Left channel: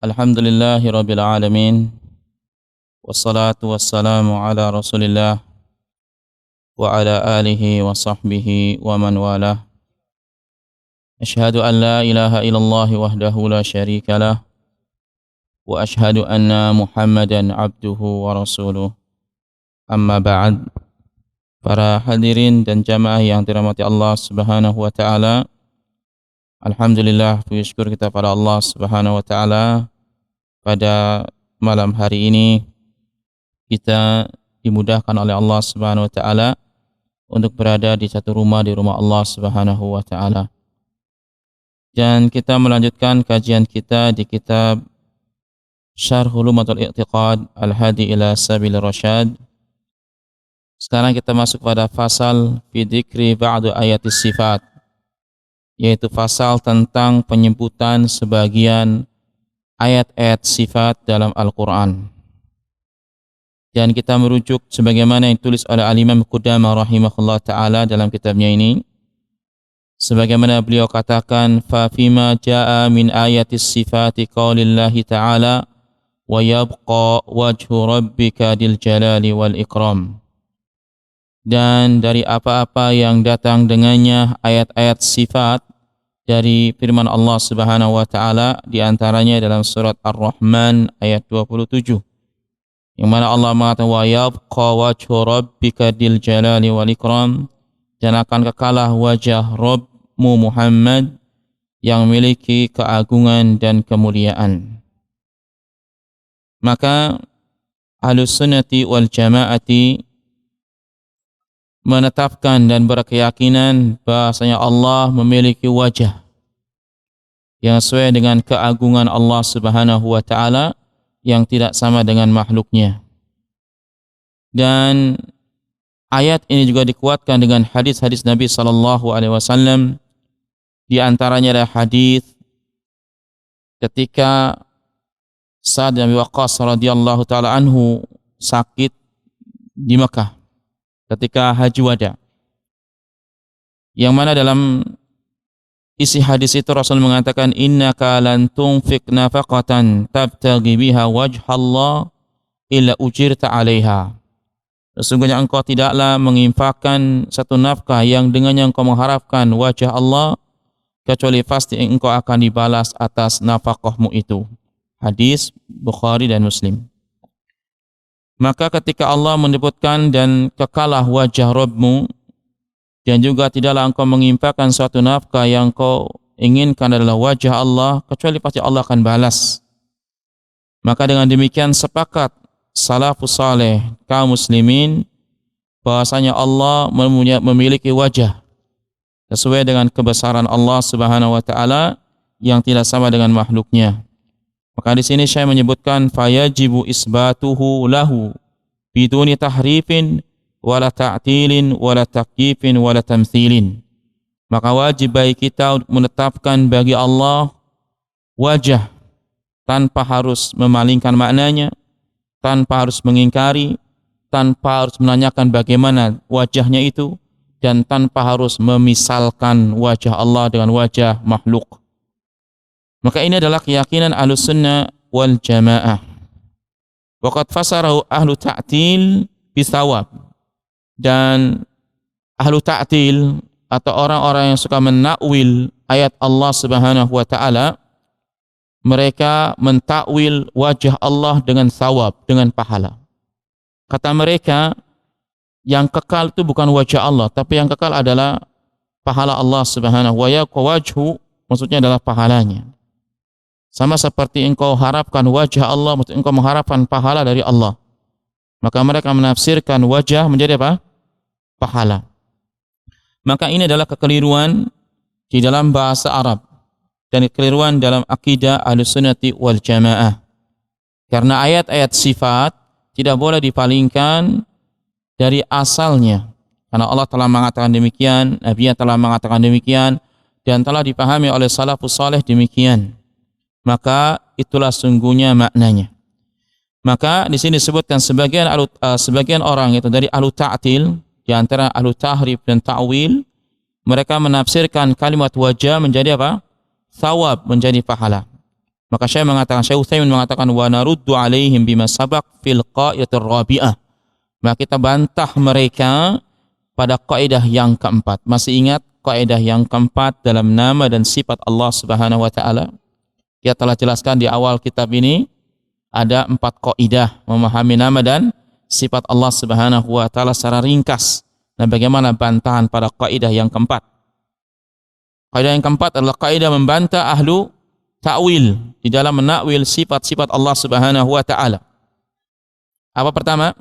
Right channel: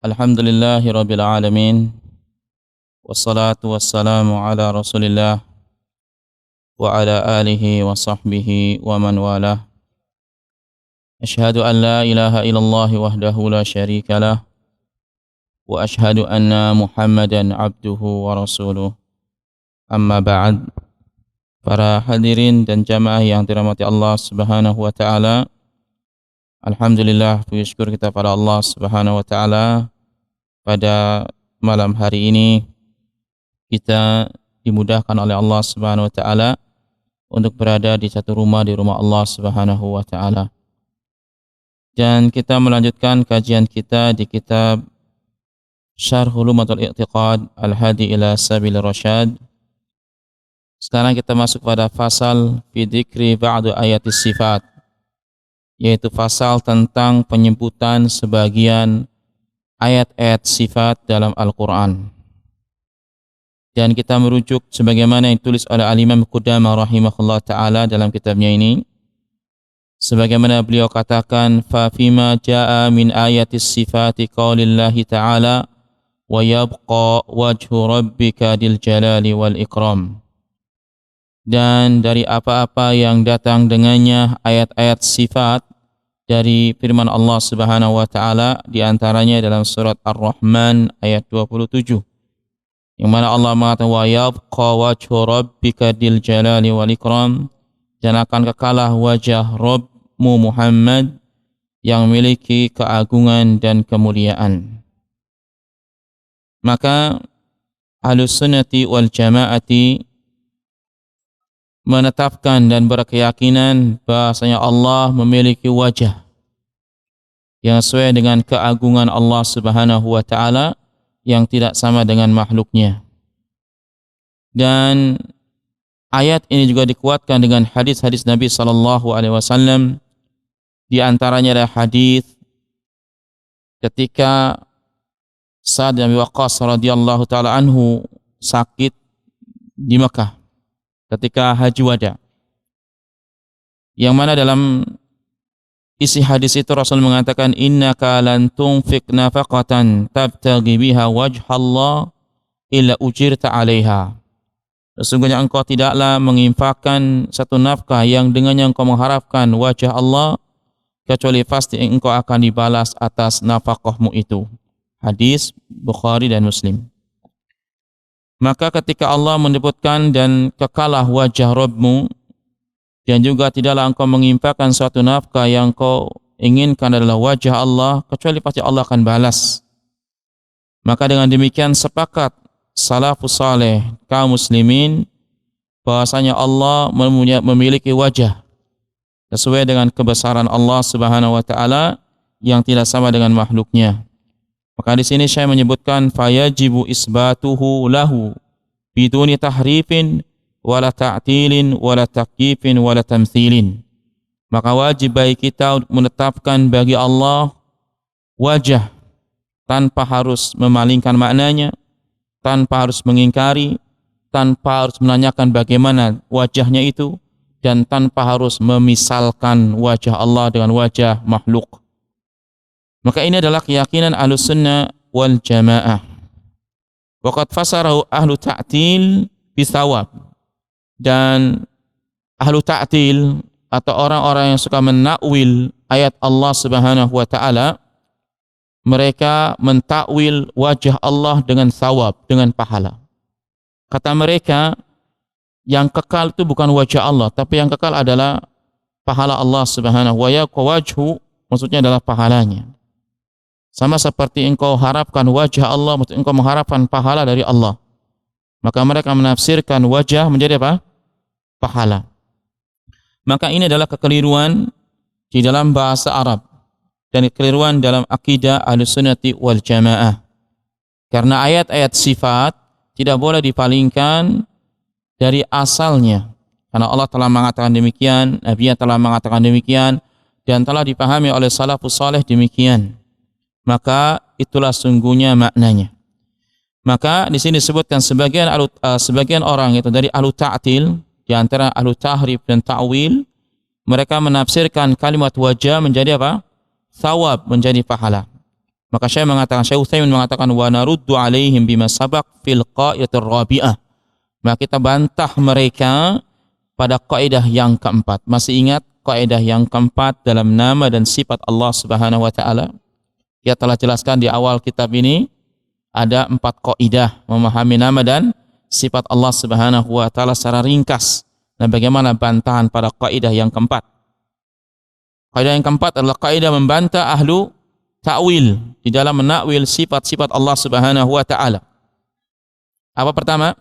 Alhamdulillahi Rabbil Alamin. Wassalatu wassalamu ala Rasulillah wa ala alihi wa sahbihi wa man walah. Ashhadu an la ilaha illallah wahdahu la syarika lah. Wa ashhadu anna Muhammadan abduhu wa rasuluh. Amma ba'd. Para hadirin dan jamaah yang dirahmati Allah Subhanahu wa taala. Alhamdulillah, puji syukur kita pada Allah Subhanahu wa taala. Pada malam hari ini kita dimudahkan oleh Allah Subhanahu wa taala untuk berada di satu rumah di rumah Allah Subhanahu wa taala. Dan kita melanjutkan kajian kita di kitab Syarh Ulumatul I'tiqad Al-Hadi ila Sabil Rasyad. Sekarang kita masuk pada fasal fi dzikri ba'du ayatis sifat, yaitu pasal tentang penyebutan sebagian ayat-ayat sifat dalam Al-Quran. Dan kita merujuk sebagaimana yang ditulis oleh Al-Imam Qudamah rahimahullah ta'ala dalam kitabnya ini. Sebagaimana beliau katakan, فَفِمَا جَاءَ مِنْ آيَةِ الصِّفَاتِ قَوْلِ اللَّهِ تَعَالَى وَيَبْقَى وَجْهُ رَبِّكَ ذِي الْجَلَالِ وَالْإِكْرَامِ. Dan dari apa-apa yang datang dengannya ayat-ayat sifat dari firman Allah Subhanahu wa taala, di antaranya dalam surat Ar-Rahman ayat 27, yang mana Allah mengatakan wa yabqa wajhu rabbika dzil jalali wal ikram, dan akan kekalah wajah Rabbmu Muhammad yang memiliki keagungan dan kemuliaan. Maka Ahlus Sunnati wal Jamaati menetapkan dan berkeyakinan bahasanya Allah memiliki wajah yang sesuai dengan keagungan Allah Subhanahu wa taala yang tidak sama dengan makhluknya. Dan ayat ini juga dikuatkan dengan hadis-hadis Nabi sallallahu alaihi wasallam. Di antaranya adalah hadis ketika Sa'ad bin Waqqas radhiyallahu taala anhu sakit di Mekah ketika haji wada, yang mana dalam isi hadis itu Rasul mengatakan, innaka lan tunfiq nafaqatan tabtaghi biha wajhallah illa ujirta 'alaiha. Sesungguhnya engkau tidaklah menginfakkan satu nafkah yang dengannya engkau mengharapkan wajah Allah, kecuali pasti engkau akan dibalas atas nafkahmu itu. Hadis Bukhari dan Muslim. Maka ketika Allah menyebutkan dan kekalah wajah Rabbmu, dan juga tidaklah engkau menginfakkan suatu nafkah yang kau inginkan adalah wajah Allah, kecuali pasti Allah akan balas. Maka dengan demikian sepakat salafus saleh kaum muslimin bahwasanya Allah memiliki wajah sesuai dengan kebesaran Allah Subhanahu wa taala yang tidak sama dengan makhluknya. Maka di sini saya menyebutkan fayajibu isbatuhu lahu biduni tahrifin wala ta'tilin wala takyifin wala tamthilin. Maka wajib bagi kita menetapkan bagi Allah wajah tanpa harus memalingkan maknanya, tanpa harus mengingkari, tanpa harus menanyakan bagaimana wajahnya itu, dan tanpa harus memisalkan wajah Allah dengan wajah makhluk. Maka ini adalah keyakinan Ahlus Sunnah wal Jamaah. Waqad fasarahu ahlu ta'til bisawab. Dan ahlu ta'til atau orang-orang yang suka menakwil ayat Allah Subhanahu wa taala, mereka mentakwil wajah Allah dengan sawab, dengan pahala. Kata mereka, yang kekal itu bukan wajah Allah, tapi yang kekal adalah pahala Allah Subhanahu wa taala. Wajhu maksudnya adalah pahalanya. Sama seperti engkau harapkan wajah Allah, maksudnya engkau mengharapkan pahala dari Allah. Maka mereka menafsirkan wajah menjadi apa? Pahala. Maka ini adalah kekeliruan di dalam bahasa Arab dan kekeliruan dalam akidah Ahlus Sunnati wal Jamaah. Karena ayat-ayat sifat tidak boleh dipalingkan dari asalnya. Karena Allah telah mengatakan demikian, Nabi telah mengatakan demikian, dan telah dipahami oleh salafus saleh demikian. Maka itulah sungguhnya maknanya. Maka di sini disebutkan sebagian orang itu dari ahlu ta'til, di antara ahlu tahrif dan ta'wil, mereka menafsirkan kalimat wajah menjadi apa? Thawab, menjadi pahala. Maka Syekh Utsaimin mengatakan wa naruddu alaihim bima sabaq fil qaidatir rabi'ah. Maka kita bantah mereka pada kaidah yang keempat. Masih ingat kaidah yang keempat dalam nama dan sifat Allah Subhanahu wa taala? Kita telah jelaskan di awal kitab ini ada 4 kaidah memahami nama dan sifat Allah Subhanahu wa taala secara ringkas. Dan bagaimana bantahan pada kaidah yang keempat? Kaidah yang keempat adalah kaidah membantah ahlu ta'wil di dalam menakwil sifat-sifat Allah Subhanahu wa taala. Apa pertama?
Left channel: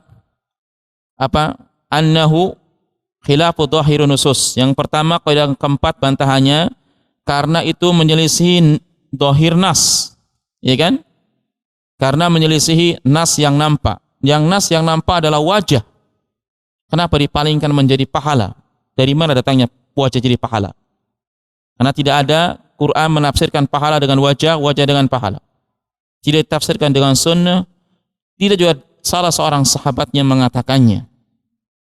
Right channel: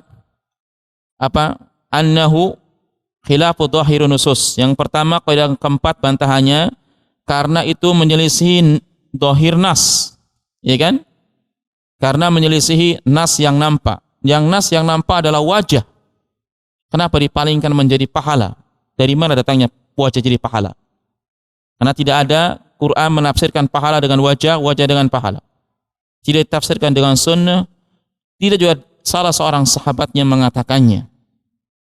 Apa? Annahu khilafu dhahirun nusus. Yang pertama, kaidah yang keempat bantahannya karena itu menyelisihi dhahir nas. Ya kan? Karena menyelisihi nas yang nampak. Yang nas yang nampak adalah wajah. Kenapa dipalingkan menjadi pahala? Dari mana datangnya wajah jadi pahala? Karena tidak ada Quran menafsirkan pahala dengan wajah, wajah dengan pahala. Tidak ditafsirkan dengan sunnah, tidak juga salah seorang sahabatnya mengatakannya.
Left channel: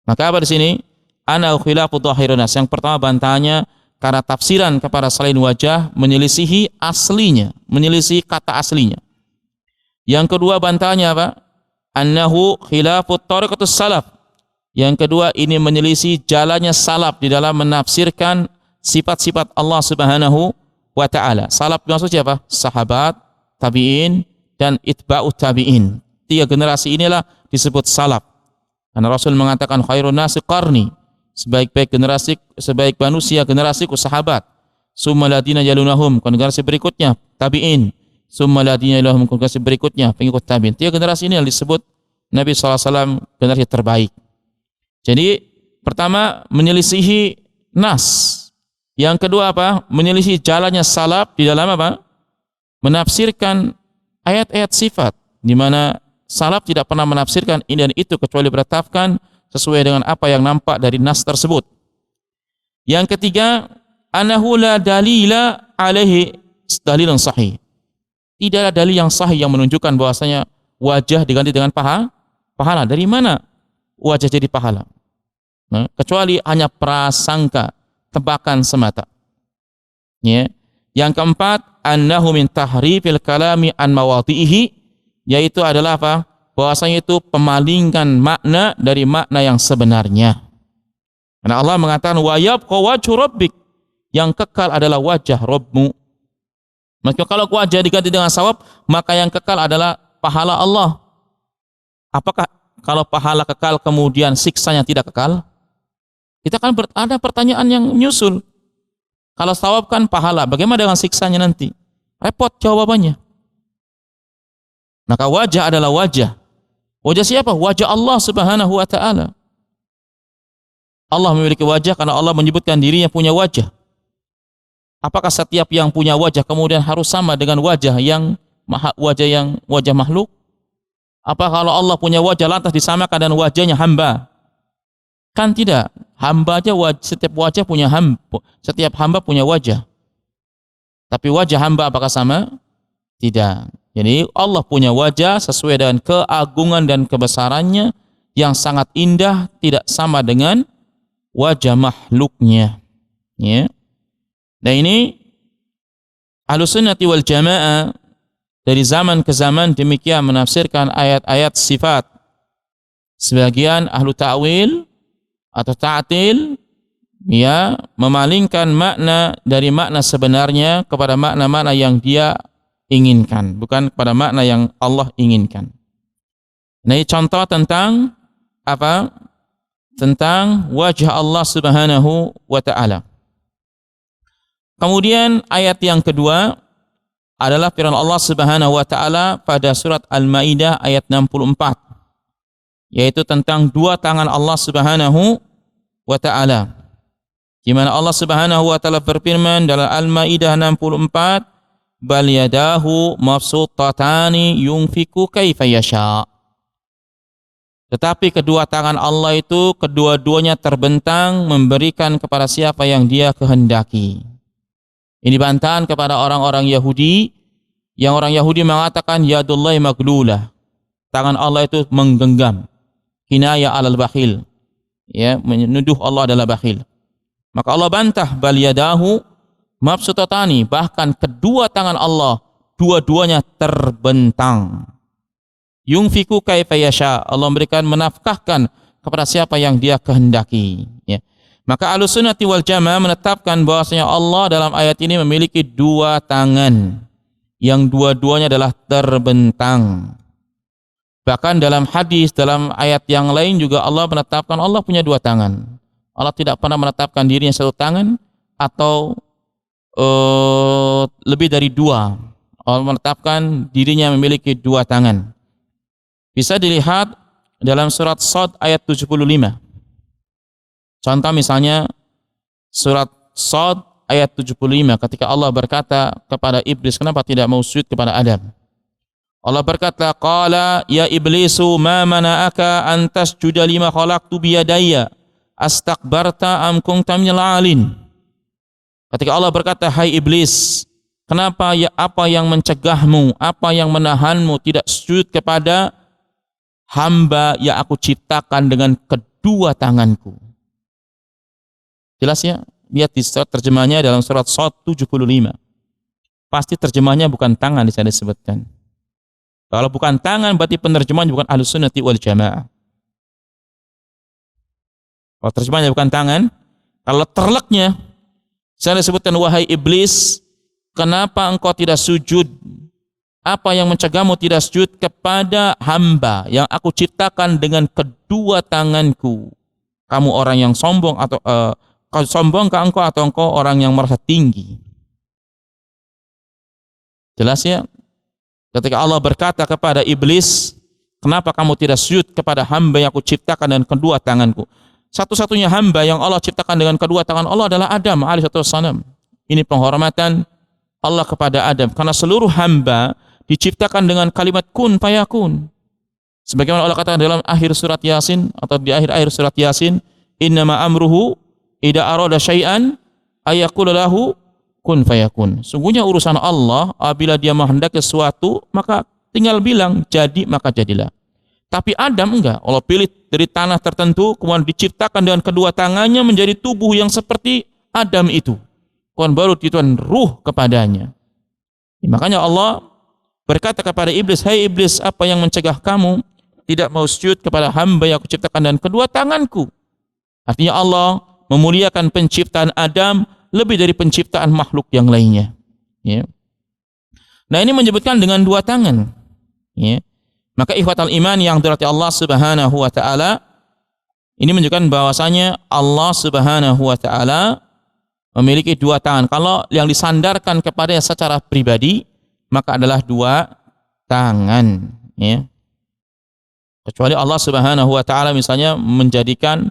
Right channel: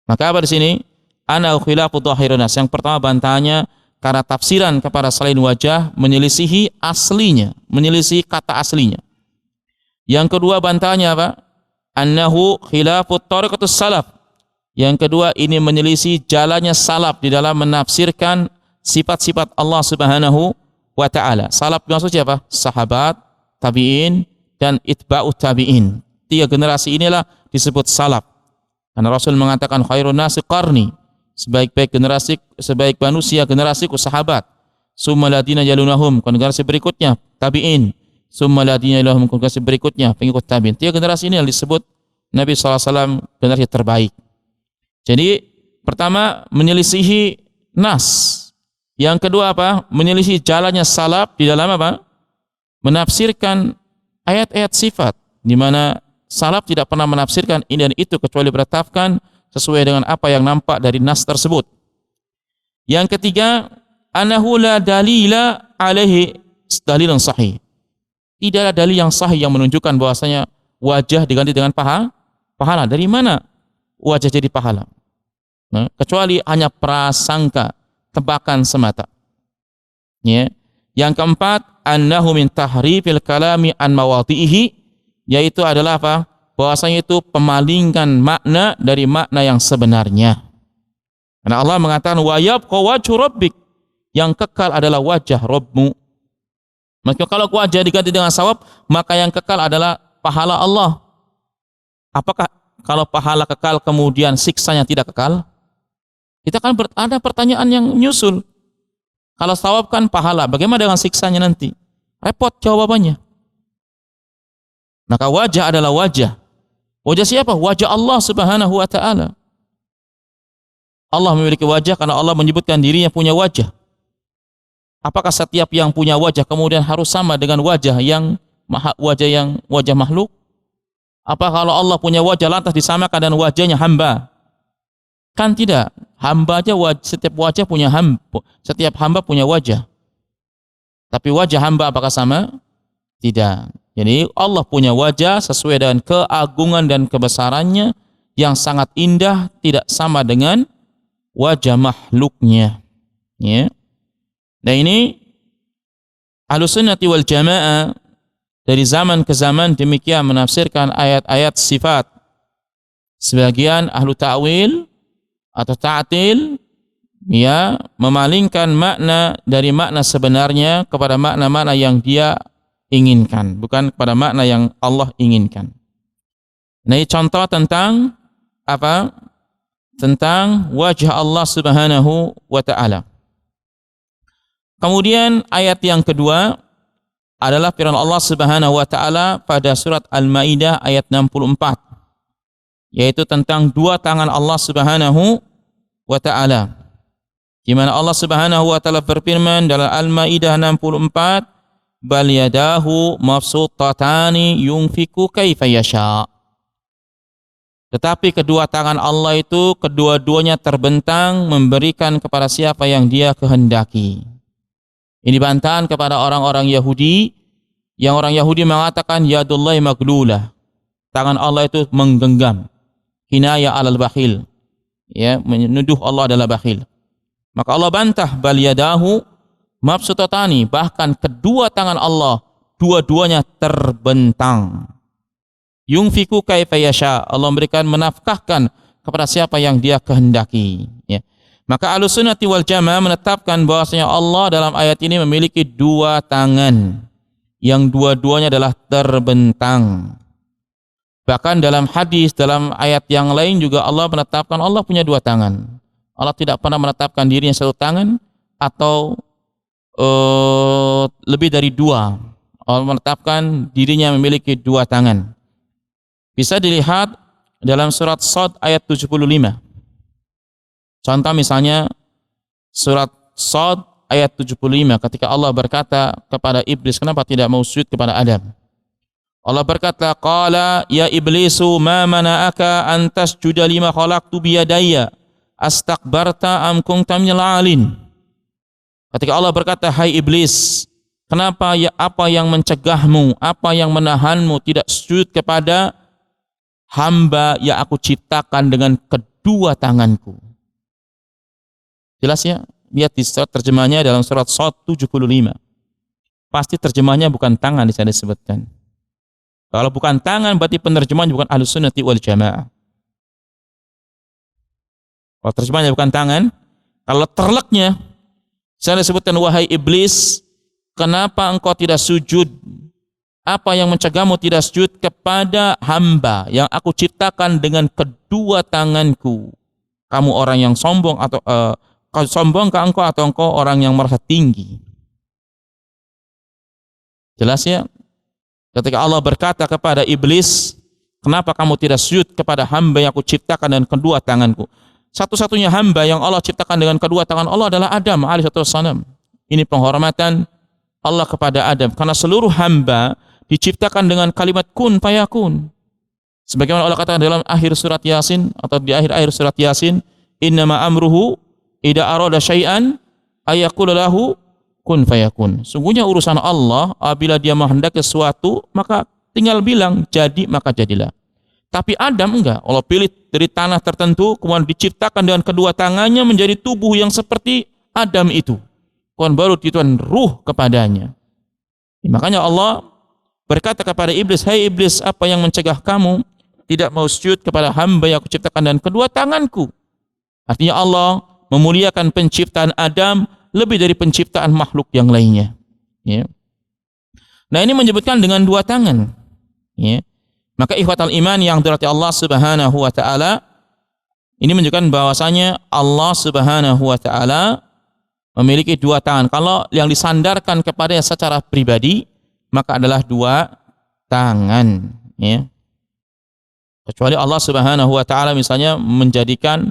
Maka apa di sini? Ana khilafu dhahirun nas. Yang pertama bantahannya karena tafsiran kepada selain wajah menyelisihi aslinya, menyelisihi kata aslinya. Yang kedua bantahannya apa? Annahu khilafu tariqatus salaf. Yang kedua ini menyelisih jalannya salaf di dalam menafsirkan sifat-sifat Allah Subhanahu wa ta'ala. Salaf maksudnya apa? Sahabat, tabi'in, dan itba'ut tabi'in. 3 generasi inilah disebut salaf. Karena Rasul mengatakan khairun nasi qarni. Sebaik-baik generasi, sebaik manusia generasiku sahabat. Summa ladina yalunahum, generasi berikutnya tabi'in. Summa ladina yalunahum, generasi berikutnya pengikut tabi'in. 3 generasi ini yang disebut Nabi SAW generasi terbaik. Jadi pertama menyelisihi nas. Yang kedua apa? Menyelisih jalannya salaf di dalam apa? Menafsirkan ayat-ayat sifat, di mana salaf tidak pernah menafsirkan ini dan itu kecuali bertafkan sesuai dengan apa yang nampak dari nas tersebut. Yang ketiga, anahu la dalila alaihi dalilan sahih. Tidak ada dalil yang sahih yang menunjukkan bahwasanya wajah diganti dengan pahala. Dari mana wajah jadi pahala? Nah, kecuali hanya prasangka, tebakan semata. Ya. Yang keempat, annahu min tahrifil kalami an mawadhihi, yaitu adalah apa? Bahwasanya itu pemalingkan makna dari makna yang sebenarnya. Karena Allah mengatakan wa yabqa wajhu rabbik, yang kekal adalah wajah Rabbmu. Maka kalau wajah diganti dengan sawab, maka yang kekal adalah pahala Allah. Apakah kalau pahala kekal kemudian siksanya tidak kekal? Kita kan ada pertanyaan yang nyusul. Kalau sawab kan pahala, bagaimana dengan siksanya nanti? Repot jawabannya. Maka wajah adalah wajah. Wajah siapa? Wajah Allah Subhanahu wa ta'ala. Allah memiliki wajah karena Allah menyebutkan dirinya punya wajah. Apakah setiap yang punya wajah kemudian harus sama dengan wajah wajah makhluk? Apa kalau Allah punya wajah lantas disamakan dengan wajahnya hamba? Kan tidak. Hamba aja setiap wajah punya hamba, setiap hamba punya wajah. Tapi wajah hamba apakah sama? Tidak. Jadi Allah punya wajah sesuai dengan keagungan dan kebesarannya yang sangat indah, tidak sama dengan wajah makhluknya. Ya. Dan ini Ahlussunnah wal Jamaah dari zaman ke zaman demikian menafsirkan ayat-ayat sifat. Sebagian ahlu ta'wil atau ta'til ya memalingkan makna dari makna sebenarnya kepada makna-makna yang dia inginkan, bukan kepada makna yang Allah inginkan. Nah, ini contoh tentang apa? Tentang wajah Allah Subhanahu wa ta'ala. Kemudian ayat yang kedua adalah firman Allah Subhanahu wa ta'ala pada surat Al-Maidah ayat 64, yaitu tentang 2 tangan Allah Subhanahu wa ta'ala. Di mana Allah Subhanahu wa ta'ala berfirman dalam Al-Maidah 64, bal yadahu mabsutatani yunfiku kaifa yasha. Tetapi kedua tangan Allah itu kedua-duanya terbentang memberikan kepada siapa yang dia kehendaki. Ini bantahan kepada orang-orang Yahudi, yang orang Yahudi mengatakan yadullahi maglulah, tangan Allah itu menggenggam, kinaya alal bakhil, ya, menuduh Allah adalah bakhil. Maka Allah bantah bal yadahu mabsutatani, bahkan kedua tangan Allah dua-duanya terbentang. Yunfiku kaifa yasha, Allah memberikan menafkahkan kepada siapa yang Dia kehendaki, ya. Maka Ahlussunnah wal Jamaah menetapkan bahwasanya Allah dalam ayat ini memiliki dua tangan yang dua-duanya adalah terbentang. Bahkan dalam hadis, dalam ayat yang lain juga Allah menetapkan Allah punya dua tangan. Allah tidak pernah menetapkan dirinya satu tangan atau lebih dari dua. Allah menetapkan dirinya memiliki dua tangan. Bisa dilihat dalam surat Shad ayat 75. Contoh misalnya surat Shad ayat 75 ketika Allah berkata kepada iblis, kenapa tidak mau sujud kepada Adam? Allah berkata, qala ya iblisu ma mana'aka an tasjuda lima khalaqtu biyadayya astakbarta am kunta minal 'alin. Ketika Allah berkata, hai iblis, kenapa ya, apa yang mencegahmu, apa yang menahanmu tidak sujud kepada hamba yang aku ciptakan dengan kedua tanganku? Jelas ya? Lihat di terjemahnya dalam surat Shad 75. Pasti terjemahnya bukan tangan di sana disebutkan. Kalau bukan tangan berarti penerjemahan bukan Ahlussunnah wal Jamaah. Kalau terjemahnya bukan tangan, kalau terleknya saya disebutkan, wahai iblis, kenapa engkau tidak sujud? Apa yang mencegahmu tidak sujud kepada hamba yang aku ciptakan dengan kedua tanganku? Kamu orang yang sombong atau sombongkah engkau atau engkau orang yang merasa tinggi? Jelas ya? Ketika Allah berkata kepada iblis, kenapa kamu tidak sujud kepada hamba yang aku ciptakan dengan kedua tanganku? Satu-satunya hamba yang Allah ciptakan dengan kedua tangan Allah adalah Adam alaihissalam. Ini penghormatan Allah kepada Adam, karena seluruh hamba diciptakan dengan kalimat kun fayakun. Sebagaimana Allah katakan dalam akhir surat Yasin atau di akhir-akhir surat Yasin, innama amruhu idza arada syai'an ayaqulu lahu kun fayakun. Sungguhnya urusan Allah, apabila Dia menghendaki sesuatu, maka tinggal bilang jadi, maka jadilah. Tapi Adam enggak. Allah pilih dari tanah tertentu, kemudian diciptakan dengan kedua tangannya menjadi tubuh yang seperti Adam itu. Kemudian baru dituan ruh kepadanya. Makanya Allah berkata kepada iblis, hai iblis, apa yang mencegah kamu tidak mau sujud kepada hamba yang aku ciptakan dengan kedua tanganku? Artinya Allah memuliakan penciptaan Adam lebih dari penciptaan makhluk yang lainnya. Ya. Nah, ini menyebutkan dengan dua tangan. Ya. Maka ikhwatal iman yang dirahmati Allah Subhanahu wa taala, ini menunjukkan bahwasanya Allah Subhanahu wa taala memiliki dua tangan. Kalau yang disandarkan kepada secara pribadi, maka adalah dua tangan, ya. Kecuali Allah Subhanahu wa taala misalnya menjadikan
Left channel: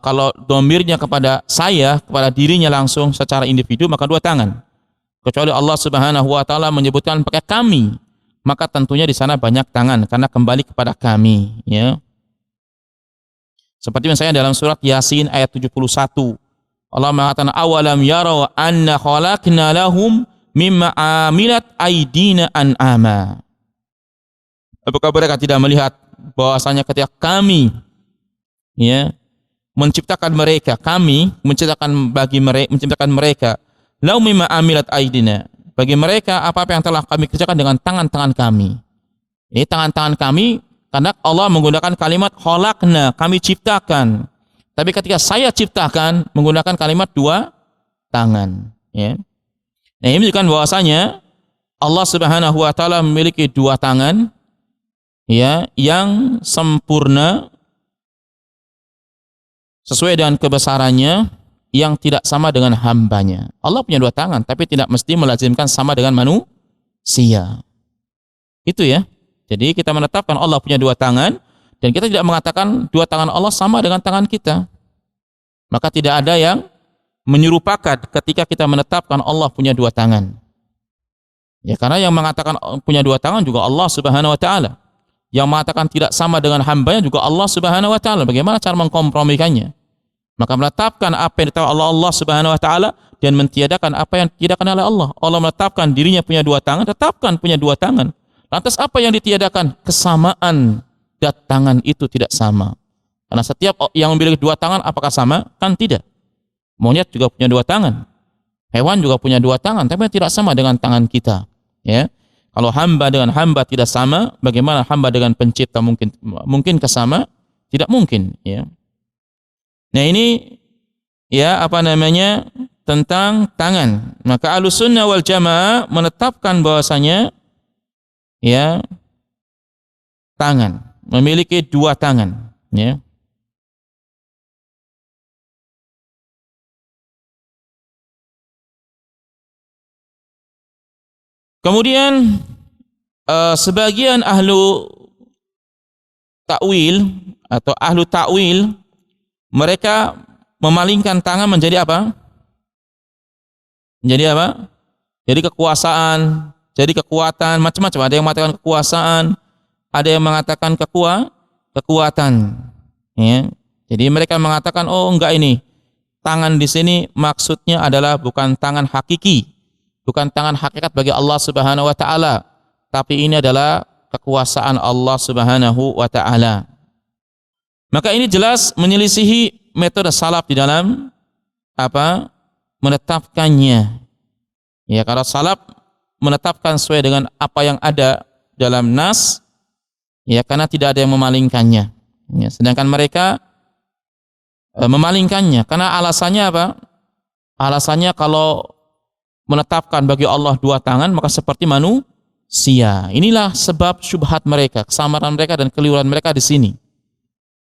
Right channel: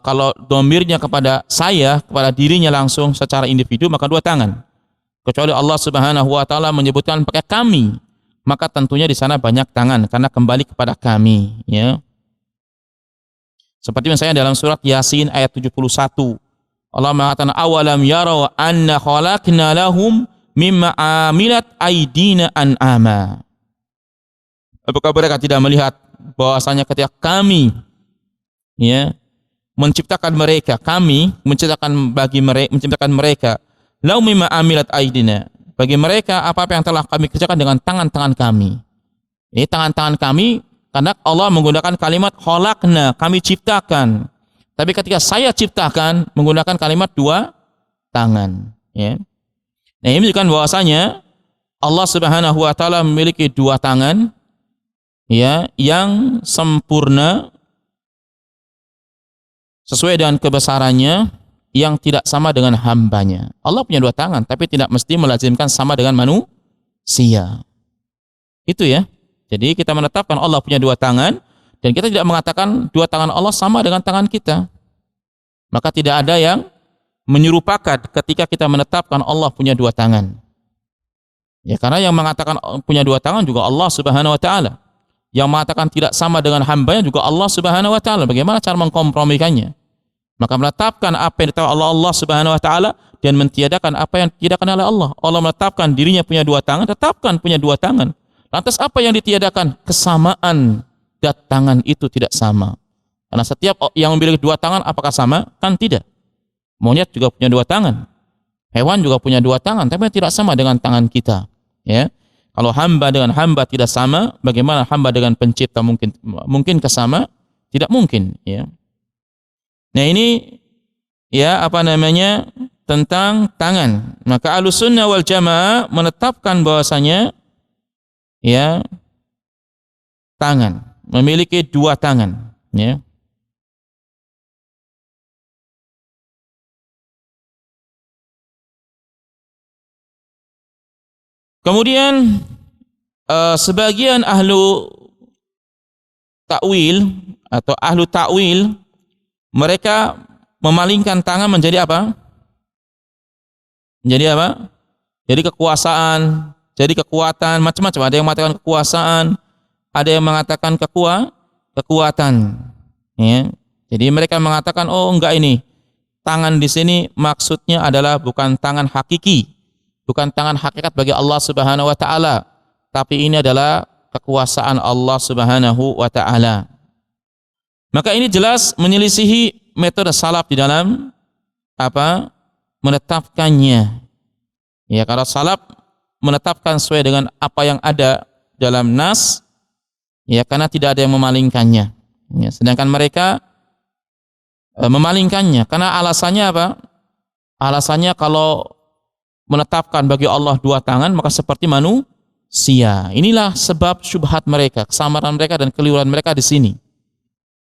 kalau domirnya kepada saya, kepada dirinya langsung secara individu, maka dua tangan. Kecuali Allah Subhanahu wa taala menyebutkan pakai kami, maka tentunya di sana banyak tangan karena kembali kepada kami, ya. Seperti misalnya dalam surat Yasin ayat 71. Allah mengatakan awalam yarau anna khalaqna lahum mimma amilat aydina an'ama. Apakah mereka tidak melihat bahwasanya ketika kami, ya, menciptakan mereka, kami menciptakan mereka lahum mimma amilat aydina, bagi mereka apa-apa yang telah kami kerjakan dengan tangan-tangan kami. Ini tangan-tangan kami karena Allah menggunakan kalimat khalaqna, kami ciptakan. Tapi ketika saya ciptakan menggunakan kalimat dua tangan, ya. Nah, ini menunjukkan bahwasanya Allah Subhanahu wa taala memiliki dua tangan, ya, yang sempurna sesuai dengan kebesarannya, yang tidak sama dengan hambanya. Allah punya dua tangan, tapi tidak mesti melazimkan sama dengan manusia. Itu ya. Jadi kita menetapkan Allah punya dua tangan, dan kita tidak mengatakan dua tangan Allah sama dengan tangan kita. Maka tidak ada yang menyerupakan ketika kita menetapkan Allah punya dua tangan. Ya, karena yang mengatakan punya dua tangan juga Allah Subhanahu wa taala. Yang mengatakan tidak sama dengan hambanya juga Allah Subhanahu wa taala. Bagaimana cara mengkompromikannya? Maka menetapkan apa yang ditetapkan Allah Subhanahu wa taala dan mentiadakan apa yang ditiadakan oleh Allah. Allah menetapkan dirinya punya dua tangan, tetapkan punya dua tangan. Lantas apa yang ditiadakan? Kesamaan tangan itu tidak sama. Karena setiap yang memiliki dua tangan apakah sama? Kan tidak. Monyet juga punya dua tangan. Hewan juga punya dua tangan, tapi tidak sama dengan tangan kita. Ya. Kalau hamba dengan hamba tidak sama, bagaimana hamba dengan pencipta mungkin kesama? Tidak mungkin, ya. Nah, ini ya apa namanya? Tentang tangan. Maka Ahlussunnah wal Jamaah menetapkan bahwasanya ya tangan memiliki dua tangan, ya. Kemudian sebagian ahlu takwil atau ahlu takwil mereka memalingkan tangan menjadi apa? Menjadi apa? Jadi kekuasaan, jadi kekuatan, macam-macam. Ada yang mengatakan kekuasaan, ada yang mengatakan kekuatan. Ya. Jadi mereka mengatakan, oh enggak, ini tangan di sini maksudnya adalah bukan tangan hakiki, bukan tangan hakikat bagi Allah Subhanahu wa taala, tapi ini adalah kekuasaan Allah Subhanahu wa taala. Maka ini jelas menyelisihi metode salaf di dalam apa? Menetapkannya. Ya, kalau salaf menetapkan sesuai dengan apa yang ada dalam nas, ya, karena tidak ada yang memalingkannya. Ya, sedangkan mereka memalingkannya karena alasannya apa? Alasannya kalau menetapkan bagi Allah dua tangan maka seperti manusia. Inilah sebab syubhat mereka, kesamaran mereka dan keliruan mereka di sini.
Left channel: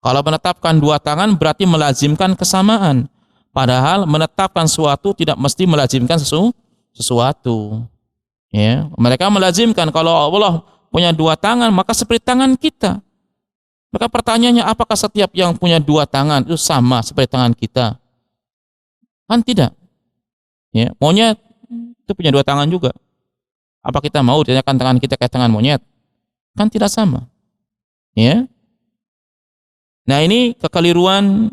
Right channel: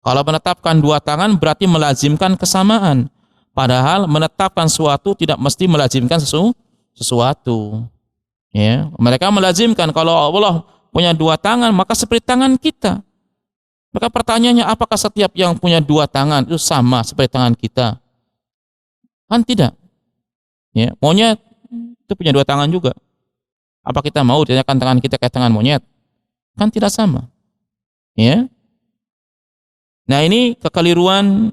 Kalau menetapkan dua tangan berarti melazimkan kesamaan. Padahal menetapkan sesuatu tidak mesti melazimkan sesuatu. Ya, mereka melazimkan kalau Allah punya dua tangan maka seperti tangan kita. Maka pertanyaannya, apakah setiap yang punya dua tangan itu sama seperti tangan kita? Kan tidak. Ya, monyet itu punya dua tangan juga. Apa kita mau ditanyakan tangan kita kayak tangan monyet? Kan tidak sama. Ya. Nah, ini kekeliruan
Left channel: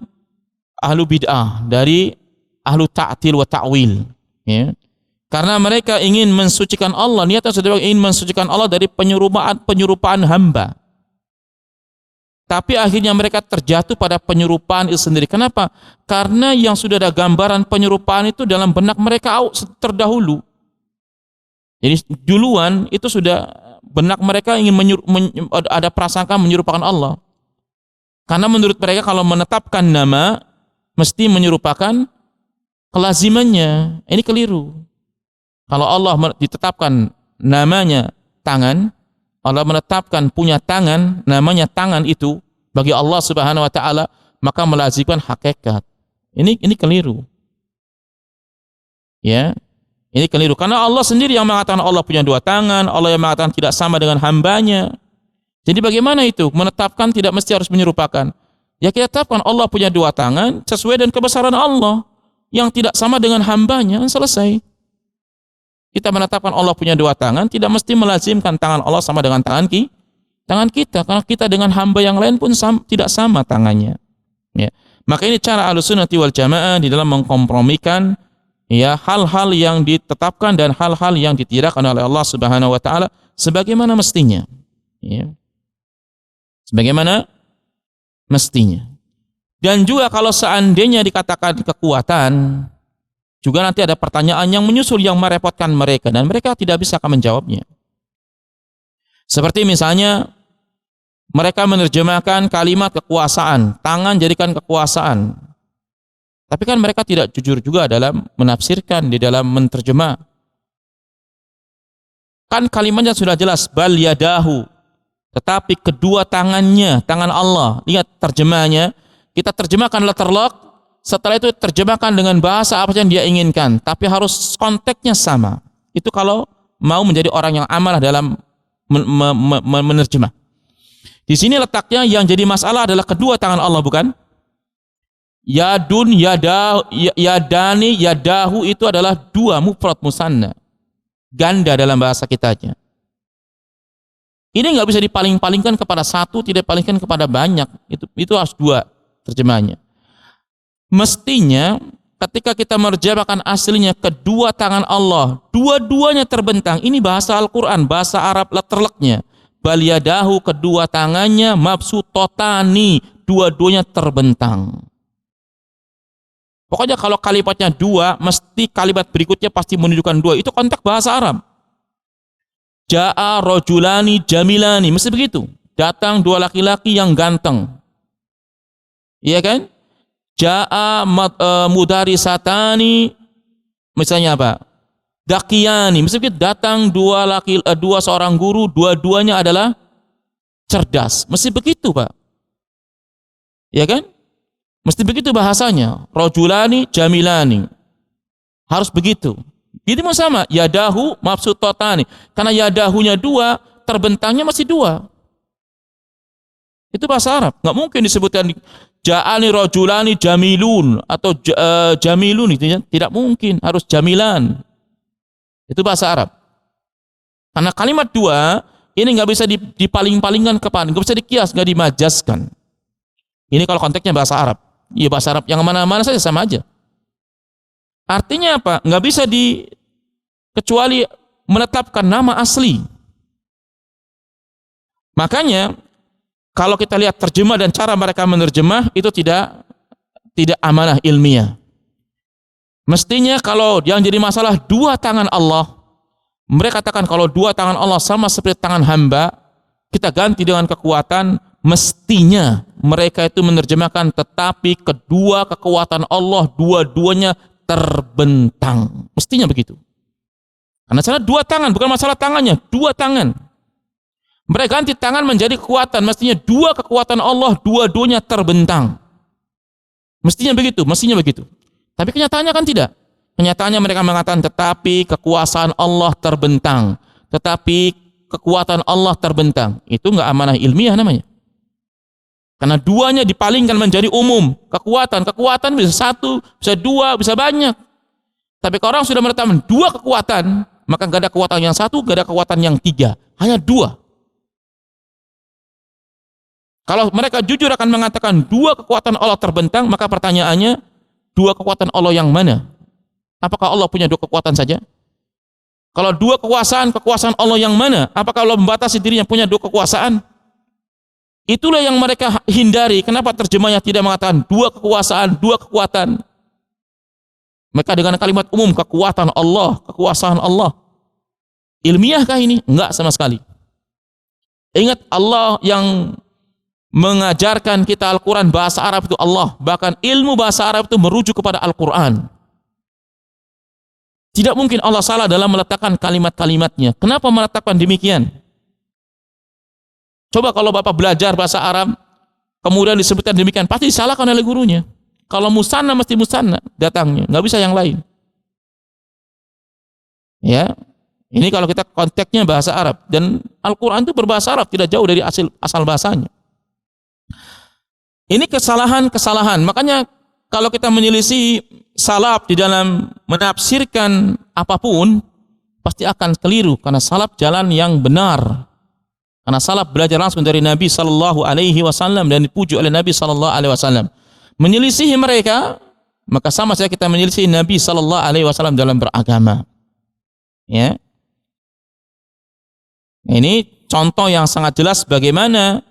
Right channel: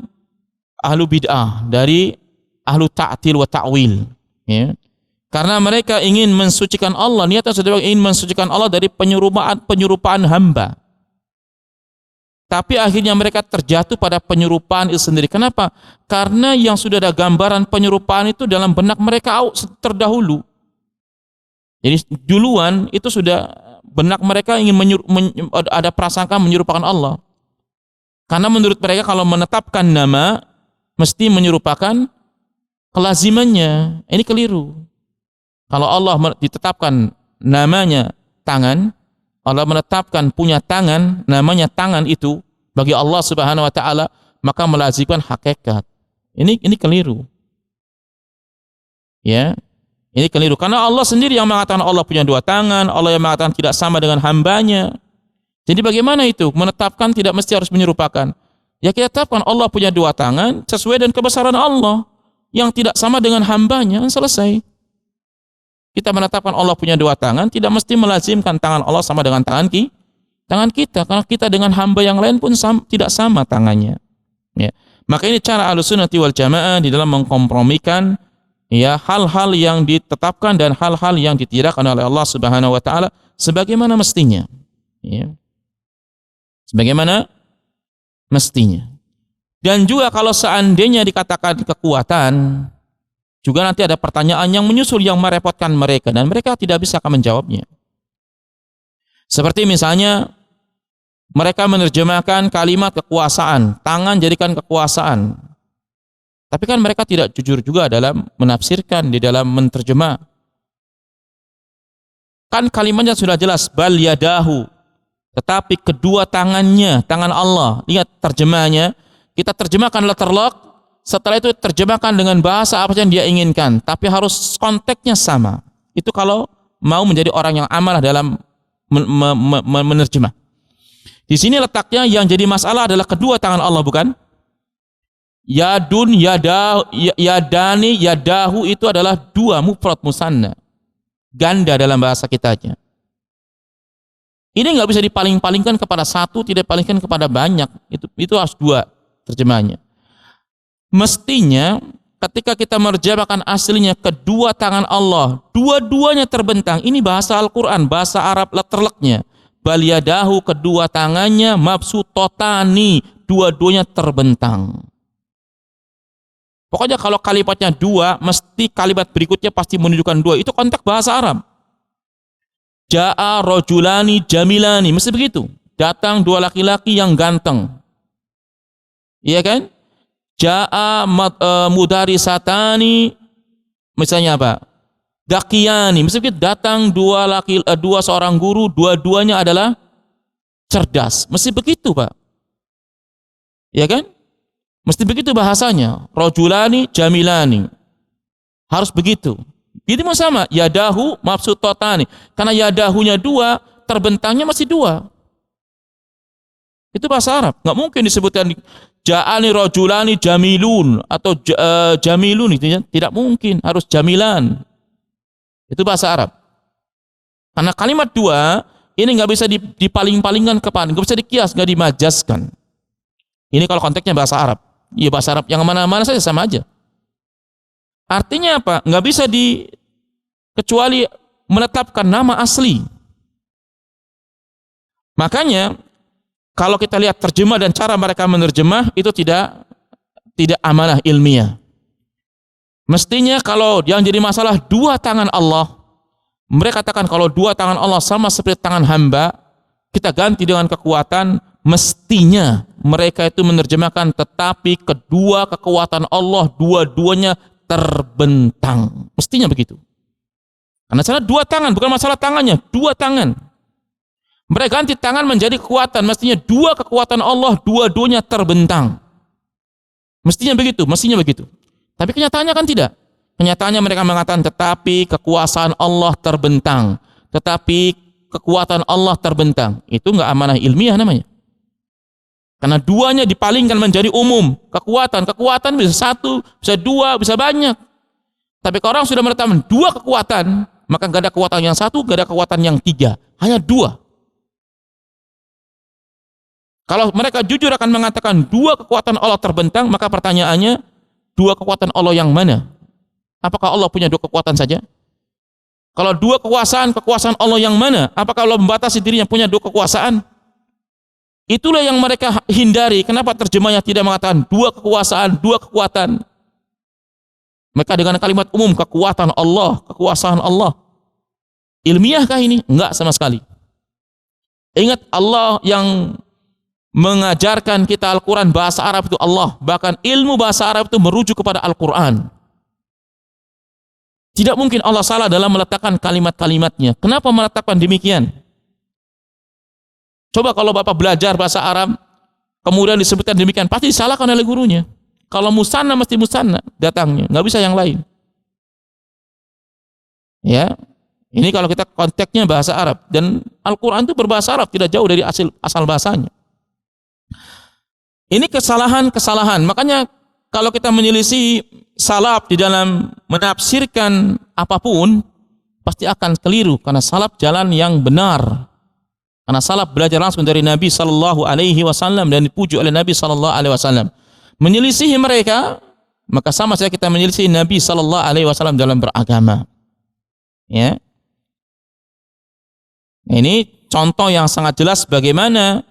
ahlu bid'ah dari ahlu ta'til wa ta'wil, ya. Karena mereka ingin mensucikan Allah, niatnya sudah ingin mensucikan Allah dari penyerupaan hamba. Tapi akhirnya mereka terjatuh pada penyerupaan itu sendiri. Kenapa? Karena yang sudah ada gambaran penyerupaan itu dalam benak mereka terdahulu. Jadi duluan itu sudah benak mereka ingin ada prasangka menyerupakan Allah. Karena menurut mereka kalau menetapkan nama mesti menyerupakan kelazimannya. Ini keliru. Kalau Allah ditetapkan namanya tangan, Allah menetapkan punya tangan, namanya tangan itu bagi Allah Subhanahu wa taala, maka melazimkan hakikat. Ini keliru. Ya. Ini keliru karena Allah sendiri yang mengatakan Allah punya dua tangan, Allah yang mengatakan tidak sama dengan hambanya. Jadi bagaimana itu? Menetapkan tidak mesti harus menyerupakan. Ya, kita tetapkan Allah punya dua tangan sesuai dengan kebesaran Allah yang tidak sama dengan hambanya, selesai. Kita menetapkan Allah punya dua tangan tidak mesti melazimkan tangan Allah sama dengan tangan kita, karena kita dengan hamba yang lain pun tidak sama tangannya. Ya. Maka ini cara Ahlussunnah wal Jamaah di dalam mengkompromikan ya hal-hal yang ditetapkan dan hal-hal yang ditidakkan oleh Allah Subhanahu wa taala sebagaimana mestinya. Ya. Sebagaimana mestinya. Dan juga kalau seandainya dikatakan kekuatan, juga nanti ada pertanyaan yang menyusul yang merepotkan mereka dan mereka tidak bisa akan menjawabnya. Seperti misalnya mereka menerjemahkan kalimat kekuasaan, tangan jadikan kekuasaan. Tapi kan mereka tidak jujur juga dalam menafsirkan, di dalam menerjemah. Kan kalimatnya sudah jelas, bal yadahu. Tetapi kedua tangannya, tangan Allah. Lihat terjemahnya. Kita terjemahkan letterlock. Setelah itu terjemahkan dengan bahasa apa yang dia inginkan. Tapi harus konteksnya sama. Itu kalau mau menjadi orang yang amanah dalam menerjemah. Di sini letaknya yang jadi masalah adalah kedua tangan Allah, bukan? Yadun, yadani, yadahu itu adalah dua mufrad musanna. Ganda dalam bahasa kitanya. Ini nggak bisa dipaling-palingkan kepada satu, tidak palingkan kepada banyak. Itu harus dua terjemahannya. Mestinya ketika kita menerjemahkan aslinya kedua tangan Allah, dua-duanya terbentang. Ini bahasa Al-Quran, bahasa Arab letterleknya. Bal yadahu, kedua tangannya, mabsutotani, dua-duanya terbentang. Pokoknya kalau kalimatnya dua, mesti kalimat berikutnya pasti menunjukkan dua. Itu konteks bahasa Arab. Ja'a rajulani jamilani, mesti begitu. Datang dua laki-laki yang ganteng. Iya kan? Ja'a mudarisatani, misalnya apa? Dakiyani, mesti begitu. Datang dua seorang guru, dua-duanya adalah cerdas. Mesti begitu, Pak. Iya kan? Mesti begitu bahasanya. Rajulani jamilani. Harus begitu. Ini sama, yadahu mabsutotani. Karena yadahunya dua, terbentangnya masih dua. Itu bahasa Arab. Nggak mungkin disebutkan ja'ani rajulani jamilun atau jamilun itu ya. Tidak mungkin, harus jamilan. Itu bahasa Arab. Karena kalimat dua ini nggak bisa dipaling-palingkan kepada, nggak bisa dikias, nggak dimajaskan. Ini kalau konteksnya bahasa Arab. Iya, bahasa Arab yang mana-mana saja sama aja. Artinya apa? Nggak bisa kecuali menetapkan nama asli. Makanya kalau kita lihat terjemah dan cara mereka menerjemah itu tidak amanah ilmiah. Mestinya kalau yang jadi masalah dua tangan Allah, mereka katakan kalau dua tangan Allah sama seperti tangan hamba, kita ganti dengan kekuatan. Mestinya mereka itu menerjemahkan tetapi kedua kekuatan Allah dua-duanya terbentang. Mestinya begitu. Karena salah dua tangan, bukan masalah tangannya, dua tangan. Mereka ganti tangan menjadi kekuatan. Mestinya dua kekuatan Allah dua-duanya terbentang. Mestinya begitu, mestinya begitu. Tapi kenyataannya kan tidak. Kenyataannya mereka mengatakan tetapi kekuasaan Allah terbentang. Tetapi kekuatan Allah terbentang. Itu enggak amanah ilmiah namanya. Karena duanya dipalingkan menjadi umum. Kekuatan bisa satu, bisa dua, bisa banyak. Tapi kalau orang sudah menetapkan dua kekuatan, maka enggak ada kekuatan yang satu, enggak ada kekuatan yang tiga. Hanya dua. Kalau mereka jujur akan mengatakan dua kekuatan Allah terbentang, maka pertanyaannya, dua kekuatan Allah yang mana? Apakah Allah punya dua kekuatan saja? Kalau dua kekuasaan Allah yang mana? Apakah Allah membatasi dirinya punya dua kekuasaan? Itulah yang mereka hindari. Kenapa terjemahnya tidak mengatakan dua kekuasaan, dua kekuatan? Mereka dengan kalimat umum, kekuatan Allah, kekuasaan Allah. Ilmiahkah ini? Enggak sama sekali. Ingat Allah yang mengajarkan kita Al-Quran, bahasa Arab itu Allah. Bahkan ilmu bahasa Arab itu merujuk kepada Al-Quran. Tidak mungkin Allah salah dalam meletakkan kalimat-kalimatnya. Kenapa meletakkan demikian? Coba kalau Bapak belajar bahasa Arab, kemudian disebutkan demikian, pasti disalahkan oleh gurunya. Kalau musanna mesti musanna datangnya, nggak bisa yang lain. Ya, ini kalau kita konteksnya bahasa Arab, dan Al-Quran itu berbahasa Arab, tidak jauh dari asal bahasanya. Ini kesalahan-kesalahan. Makanya kalau kita menyelisih salaf di dalam menafsirkan apapun, pasti akan keliru, karena salaf jalan yang benar. Karena salaf belajar langsung dari Nabi Sallallahu Alaihi Wasallam dan dipuji oleh Nabi Sallallahu Alaihi Wasallam. Menyelisihi mereka, maka sama saja kita menyelisihi Nabi Sallallahu Alaihi Wasallam dalam beragama. Ya, ini contoh yang sangat jelas bagaimana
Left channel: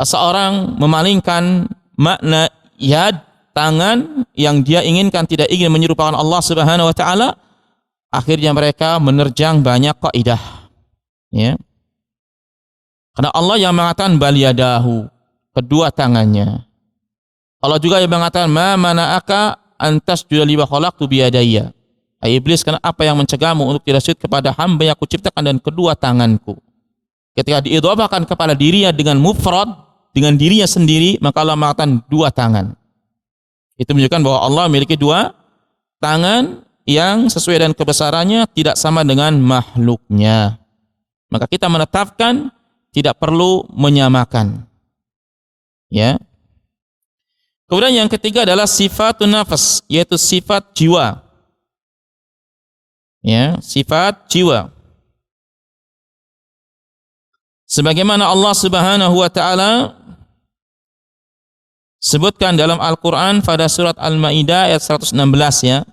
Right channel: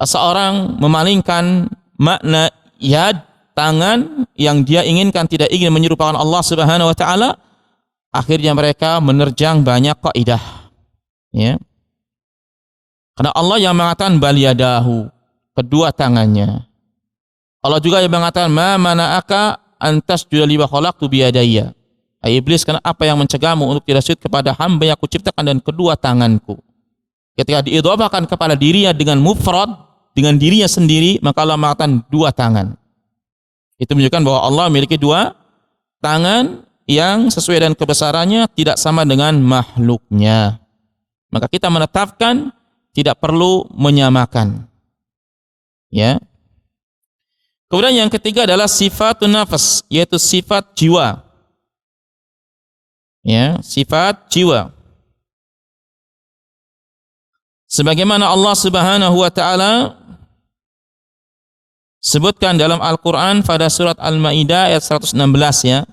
seorang memalingkan makna yad, tangan, yang dia inginkan, tidak ingin menyerupakan Allah Subhanahu Wa Taala. Akhirnya mereka menerjang banyak kaidah. Ya. Karena Allah yang mengatakan bal yadahu, kedua tangannya. Allah juga yang mengatakan ma mana'aka antasjuda lima khalaqtu biyadayya. Hai iblis, karena apa yang mencegahmu untuk tidak sujud kepada hamba yang aku ciptakan dan kedua tanganku. Ketika diidhafahkan kepada dirinya dengan mufrad, dengan dirinya sendiri, maka Allah mengatakan dua tangan. Itu menunjukkan bahwa Allah memiliki dua tangan yang sesuai dengan kebesarannya, tidak sama dengan makhluknya. Maka kita menetapkan tidak perlu menyamakan. Ya. Kemudian yang ketiga adalah sifatun nafas, yaitu sifat jiwa. Ya, sifat jiwa. Sebagaimana Allah Subhanahu wa taala sebutkan dalam Al-Qur'an pada surat Al-Maidah ayat 116, ya.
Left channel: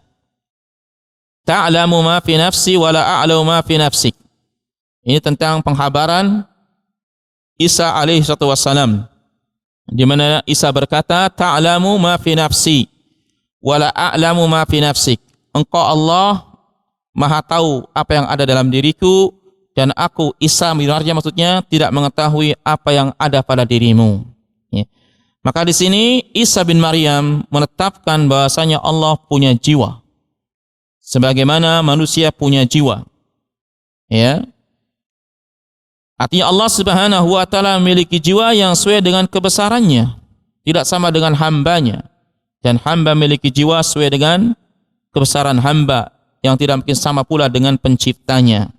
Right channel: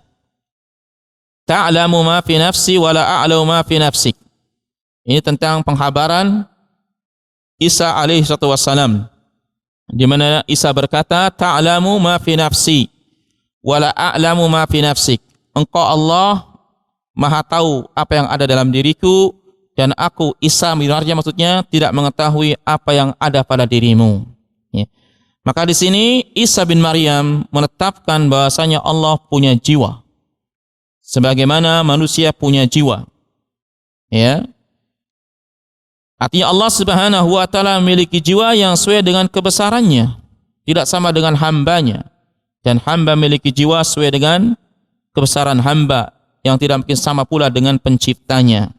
Ta'lamu ma fi nafsi wa la a'lamu ma fi nafsik. Ini tentang penghabaran Isa alaihi wassalam, di mana Isa berkata, ta'lamu ma fi nafsi wa la a'lamu ma fi nafsik. Engkau Allah Maha tahu apa yang ada dalam diriku, dan aku Isa bin Maryam, maksudnya tidak mengetahui apa yang ada pada dirimu. Ya. Maka di sini Isa bin Maryam menetapkan bahasanya Allah punya jiwa, sebagaimana manusia punya jiwa. Ya. Artinya Allah Subhanahu wa taala memiliki jiwa yang sesuai dengan kebesarannya, tidak sama dengan hambanya. Dan hamba memiliki jiwa sesuai dengan kebesaran hamba, yang tidak mungkin sama pula dengan penciptanya.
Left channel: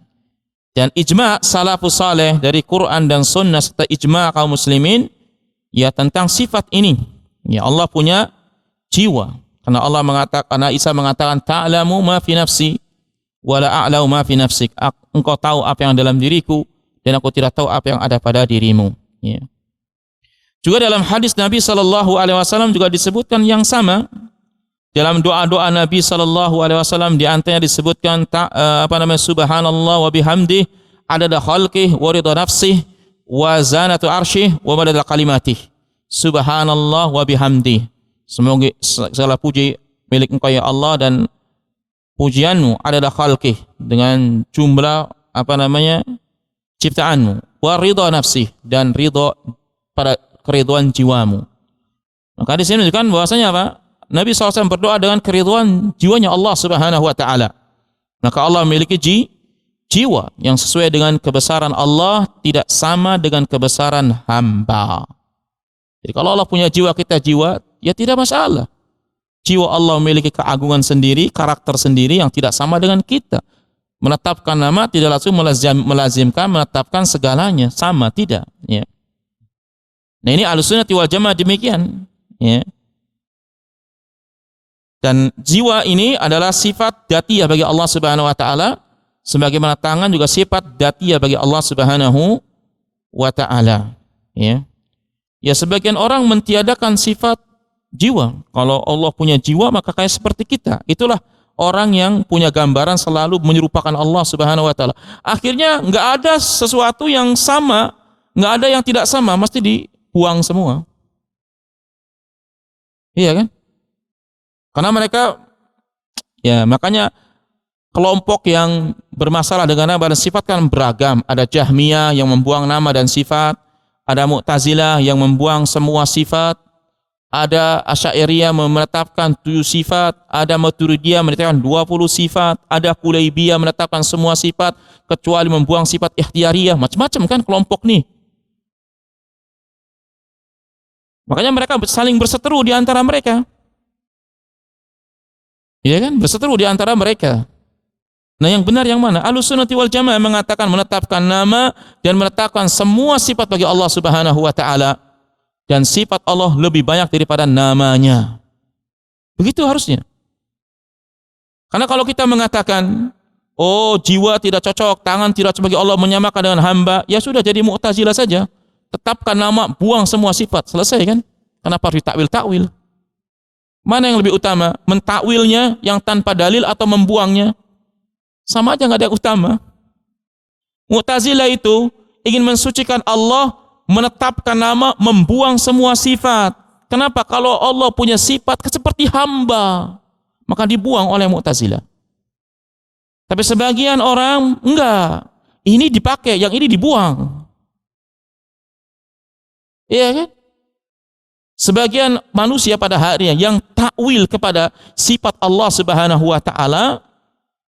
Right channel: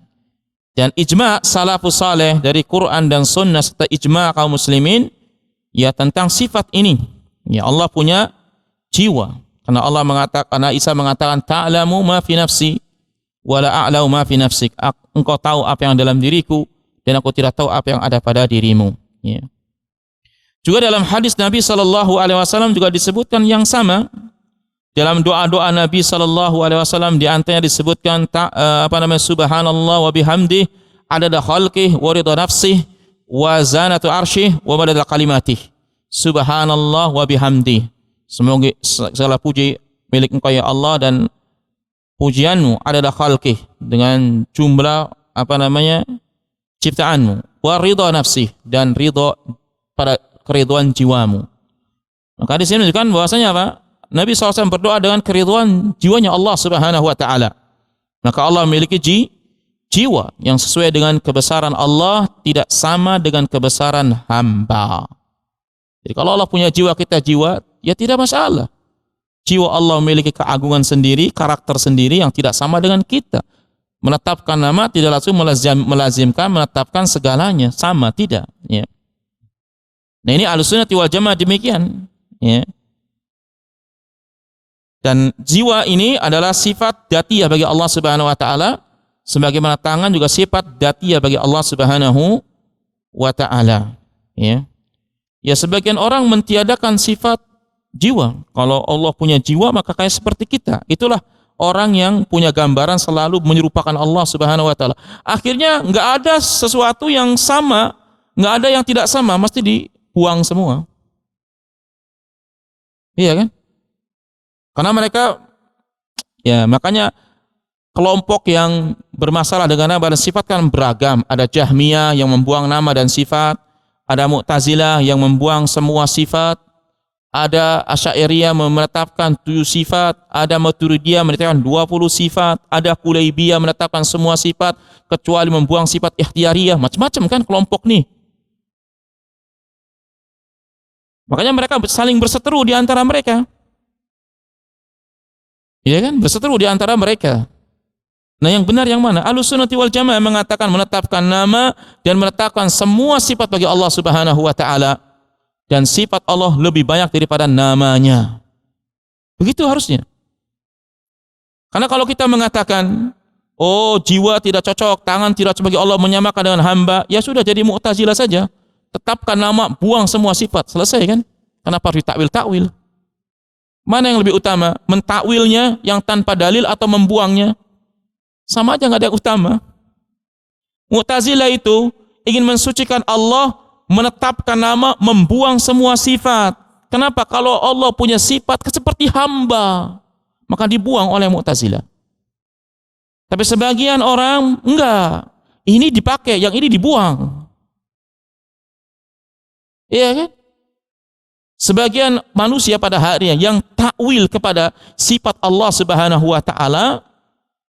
Dan ijma' salafus saleh dari Quran dan sunnah serta ijma' kaum muslimin ya tentang sifat ini. Ya, Allah punya jiwa. Karena Allah mengatakan, karena Isa mengatakan, ta'lamu ma fi nafsi wa la a'lamu ma fi nafsik. Engkau tahu apa yang dalam diriku dan aku tidak tahu apa yang ada pada dirimu. Ya. Juga dalam hadis Nabi sallallahu alaihi wasallam juga disebutkan yang sama. Dalam doa-doa Nabi sallallahu alaihi wasallam di antaranya disebutkan subhanallah wa bihamdih adada khalqih wa ridha nafsih wa zanatu arsyih wa badada kalimatih. Subhanallah wa bihamdih. Semoga segala puji milik Engkau ya Allah, dan pujianmu adalah khalqih, dengan jumlah ciptaanmu, wa ridha nafsih, dan ridha pada keridhaan jiwamu. Maka di sini kan bahwasanya apa? Nabi SAW berdoa dengan keridhaan jiwanya Allah Subhanahu wa taala. Maka Allah memiliki jiwa yang sesuai dengan kebesaran Allah, tidak sama dengan kebesaran hamba. Jadi kalau Allah punya jiwa, kita jiwa, ya tidak masalah. Jiwa Allah memiliki keagungan sendiri, karakter sendiri yang tidak sama dengan kita. Menetapkan nama tidak langsung melazimkan menetapkan segalanya sama, tidak. Ya. Nah, ini Ahlussunnah wal Jamaah demikian. Ya. Dan jiwa ini adalah sifat dzatiyah bagi Allah Subhanahu wa taala, sebagaimana tangan juga sifat dzatiyah bagi Allah Subhanahu wa taala. Ya. Ya, sebagian orang mentiadakan sifat jiwa. Kalau Allah punya jiwa, maka kayak seperti kita. Itulah orang yang punya gambaran selalu menyerupakan Allah Subhanahu wa taala. Akhirnya nggak ada sesuatu yang sama, nggak ada yang tidak sama, mesti dibuang semua. Iya kan? Karena mereka, ya makanya kelompok yang bermasalah dengan nama dan sifat kan beragam. Ada Jahmiyah yang membuang nama dan sifat, ada Mu'tazilah yang membuang semua sifat, ada Asy'ariyah menetapkan 7 sifat, ada Maturidiyah menetapkan 20 sifat, ada Kulaibiyah menetapkan semua sifat kecuali membuang sifat ikhtiyariyah. Macam-macam kan kelompok nih. Makanya mereka saling berseteru di antara mereka. Iya kan? Berseteru di antara mereka. Nah, yang benar yang mana? Ahlussunnah wal Jamaah mengatakan menetapkan nama dan menetapkan semua sifat bagi Allah Subhanahu wa taala, dan sifat Allah lebih banyak daripada namanya. Begitu harusnya. Karena kalau kita mengatakan, oh jiwa tidak cocok, tangan tidak cocok bagi Allah, menyamakan dengan hamba, ya sudah jadi Mu'tazilah saja. Tetapkan nama, buang semua sifat, selesai kan? Kenapa harus ditakwil-takwil? Mana yang lebih utama? Mentakwilnya yang tanpa dalil atau membuangnya? Sama aja, nggak ada yang utama. Mu'tazilah itu ingin mensucikan Allah, menetapkan nama, membuang semua sifat. Kenapa? Kalau Allah punya sifat seperti hamba, maka dibuang oleh Mu'tazilah. Tapi sebagian orang enggak. Ini dipakai, yang ini dibuang. Iya kan? Sebagian manusia pada hari yang takwil kepada sifat Allah Subhanahu wa taala,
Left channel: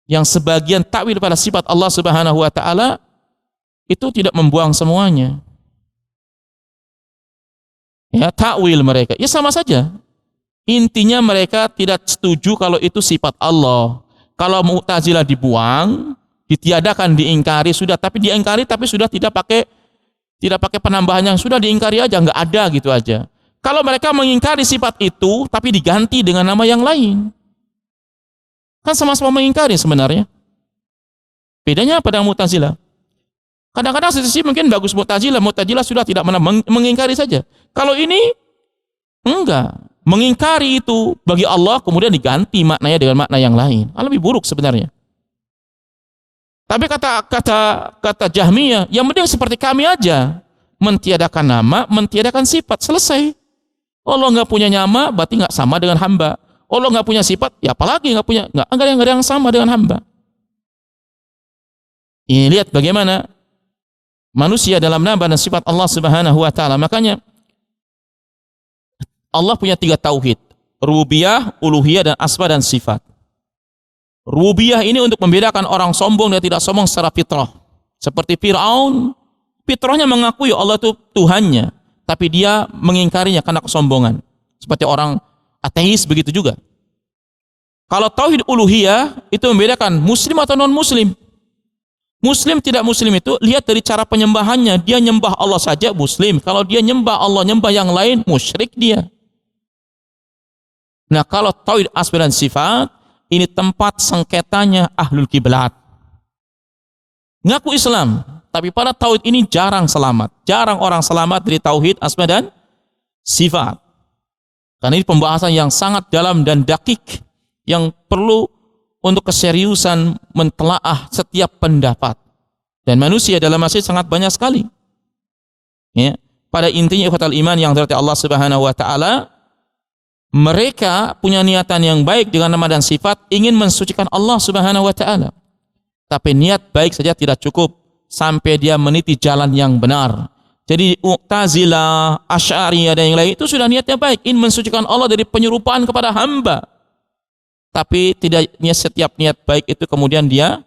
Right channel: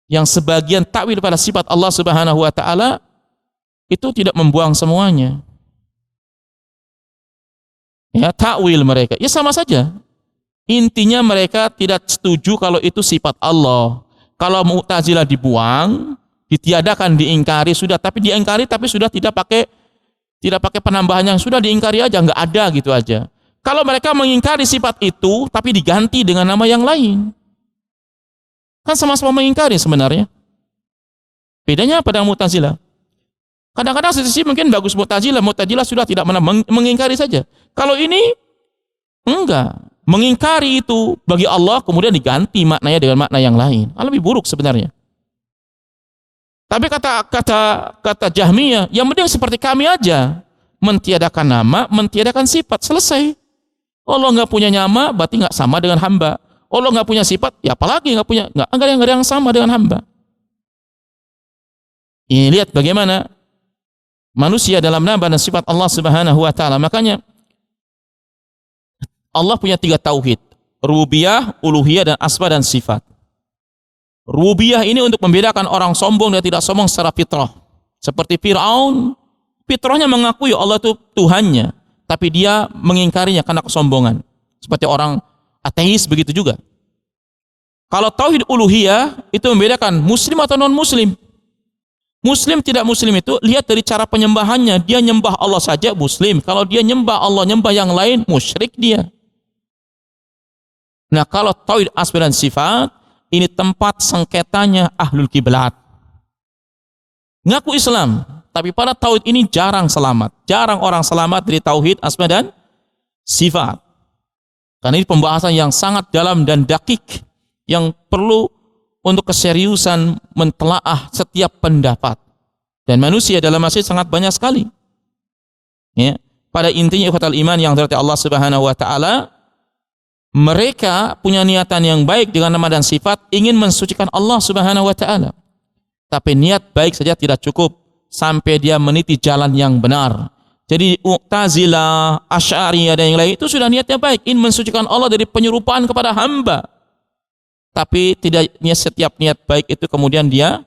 yang sebagian takwil pada sifat Allah Subhanahu wa taala itu tidak membuang semuanya. Ya, takwil mereka ya sama saja. Intinya mereka tidak setuju kalau itu sifat Allah. Kalau Mu'tazilah dibuang, ditiadakan, diingkari sudah, tapi diingkari tapi sudah tidak pakai penambahannya, sudah diingkari aja, nggak ada gitu aja. Kalau mereka mengingkari sifat itu, tapi diganti dengan nama yang lain, kan sama-sama mengingkari sebenarnya. Bedanya pada Mu'tazilah. Kadang-kadang sisi mungkin bagus Mu'tazilah sudah tidak mengingkari saja. Kalau ini, enggak. Mengingkari itu bagi Allah, kemudian diganti maknanya dengan makna yang lain. Lebih buruk sebenarnya. Tapi kata Jahmiyah, yang penting seperti kami aja. Mentiadakan nama, mentiadakan sifat, selesai. Allah nggak punya nama, berarti nggak sama dengan hamba. Allah nggak punya sifat, ya apalagi nggak ada yang sama dengan hamba. Lihat bagaimana manusia dalam nama dan sifat Allah Subhanahu wa taala. Makanya Allah punya 3 tauhid, rububiyah, uluhiyah, dan asma dan sifat. Rububiyah ini untuk membedakan orang sombong dan tidak sombong secara fitrah. Seperti Fir'aun, fitrahnya mengakui Allah itu Tuhannya, tapi dia mengingkarinya karena kesombongan. Seperti orang ateis begitu juga. Kalau tauhid uluhiyah itu membedakan muslim atau non muslim. Muslim tidak muslim itu lihat dari cara penyembahannya. Dia nyembah Allah saja muslim. Kalau dia nyembah Allah, nyembah yang lain, musyrik dia. Nah, kalau tauhid asma dan sifat, ini tempat sengketanya ahlul kiblat. Ngaku Islam, tapi pada tauhid ini jarang selamat. Jarang orang selamat dari tauhid asma dan sifat. Karena ini pembahasan yang sangat dalam dan dakik, yang perlu untuk keseriusan mentelaah setiap pendapat. Dan manusia dalam masjid sangat banyak sekali. Ya, pada intinya ikhwatal iman yang dirahmati Allah Subhanahu wa taala, mereka punya niatan yang baik dengan nama dan sifat, ingin mensucikan Allah Subhanahu wa taala. Tapi niat baik saja tidak cukup sampai dia meniti jalan yang benar. Jadi Mu'tazilah, Asy'ariyah dan yang lain itu sudah niatnya baik, ingin mensucikan Allah dari penyerupaan kepada hamba. Tapi tidak setiap niat baik itu kemudian dia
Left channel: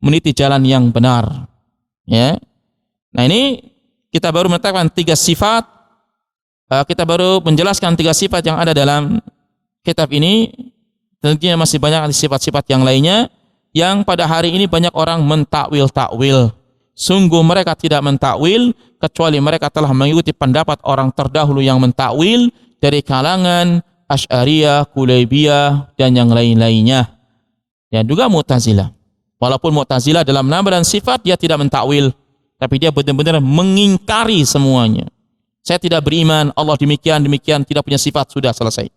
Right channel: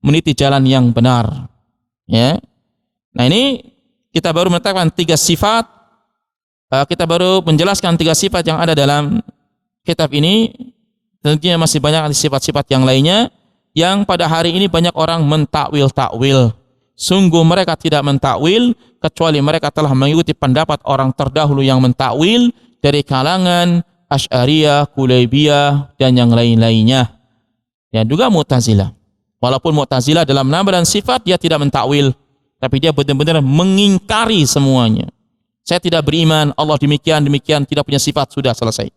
meniti jalan yang benar. Ya. Nah, ini kita baru menetapkan 3 sifat. Kita baru menjelaskan 3 sifat yang ada dalam kitab ini. Tentunya masih banyak sifat-sifat yang lainnya yang pada hari ini banyak orang mentakwil-takwil. Sungguh mereka tidak mentakwil kecuali mereka telah mengikuti pendapat orang terdahulu yang mentakwil dari kalangan Asy'ariyah, Kulaybiyah, dan yang lain-lainnya. Dan juga Mu'tazilah. Walaupun Mu'tazilah dalam nama dan sifat dia tidak mentakwil, tapi dia benar-benar mengingkari semuanya. Saya tidak beriman, Allah demikian, tidak punya sifat, sudah selesai.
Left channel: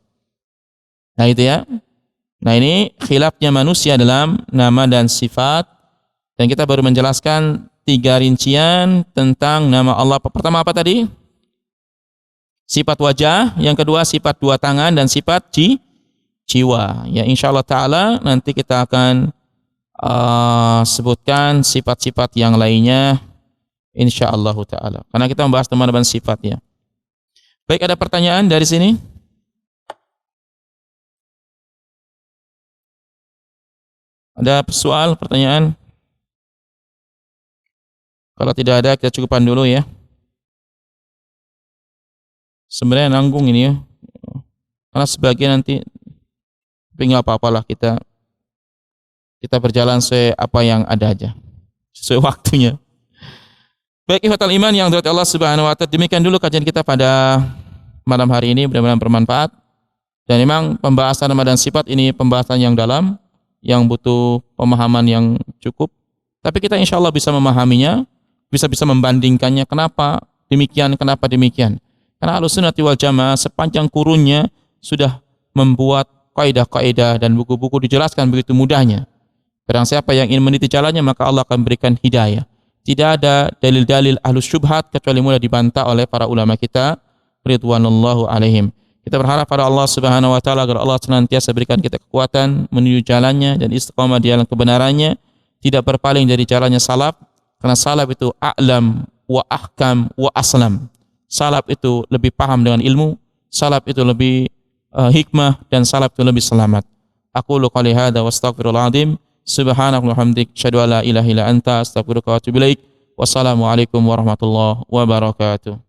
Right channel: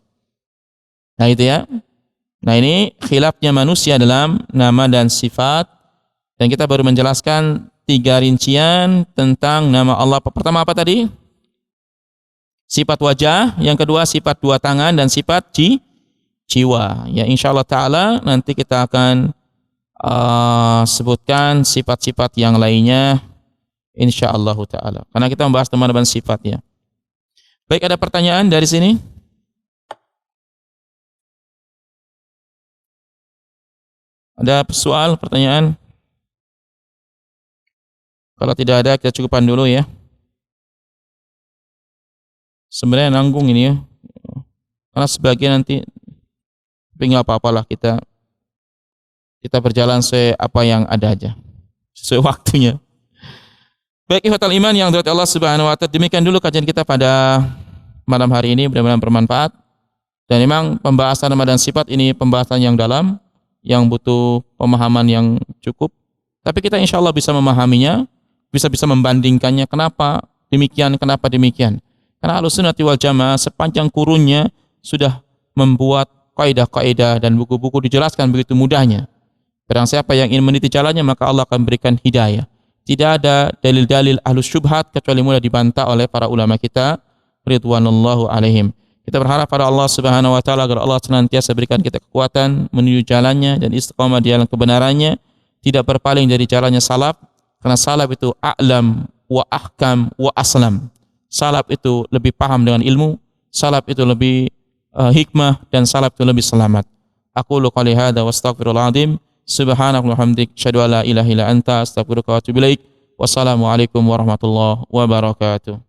Nah itu ya. Nah ini khilafnya manusia dalam nama dan sifat. Dan kita baru menjelaskan 3 rincian tentang nama Allah. Pertama apa tadi? Sifat wajah, yang kedua sifat 2 tangan, dan sifat jiwa. Ya insyaallah ta'ala nanti kita akan sebutkan sifat-sifat yang lainnya insyaallah ta'ala. Karena kita membahas nama dan sifat ya. Baik, ada pertanyaan dari sini? Ada soal, pertanyaan? Kalau tidak ada kita cukupkan dulu ya. Sebenarnya nanggung ini ya, karena sebagian nanti, tapi nggak apa-apalah, kita berjalan sesuai apa yang ada aja, sesuai waktunya. Baik ikhwatal iman yang dirahmati Allah Subhanahu wa taala, demikian dulu kajian kita pada malam hari ini, mudah-mudahan bermanfaat. Dan memang pembahasan nama dan sifat ini pembahasan yang dalam, yang butuh pemahaman yang cukup. Tapi kita insya Allah bisa memahaminya, bisa membandingkannya, kenapa demikian. Karena Ahlussunnah wal Jamaah sepanjang kurunnya sudah membuat kaidah-kaidah dan buku-buku dijelaskan begitu mudahnya. Barang siapa yang ingin meniti jalannya, maka Allah akan berikan hidayah. Tidak ada dalil-dalil ahlus syubhat kecuali mulai dibantah oleh para ulama kita ridwanullahu alaihim. Kita berharap pada Allah Subhanahu wa taala agar Allah senantiasa berikan kita kekuatan menuju jalannya dan istiqamah di jalan kebenarannya, tidak berpaling dari jalannya salaf, karena salaf itu a'lam wa ahkam wa aslam. Salaf itu lebih paham dengan ilmu, salaf itu lebih hikmah, dan salaf itu lebih selamat. Aqulu qouli hadza wa astaghfirullahal azim. Subhanaka wa hamdik, asyhadu an la ilaha illa anta, astaghfiruka wa atubu ilaik. Wassalamualaikum warahmatullahi wabarakatuh.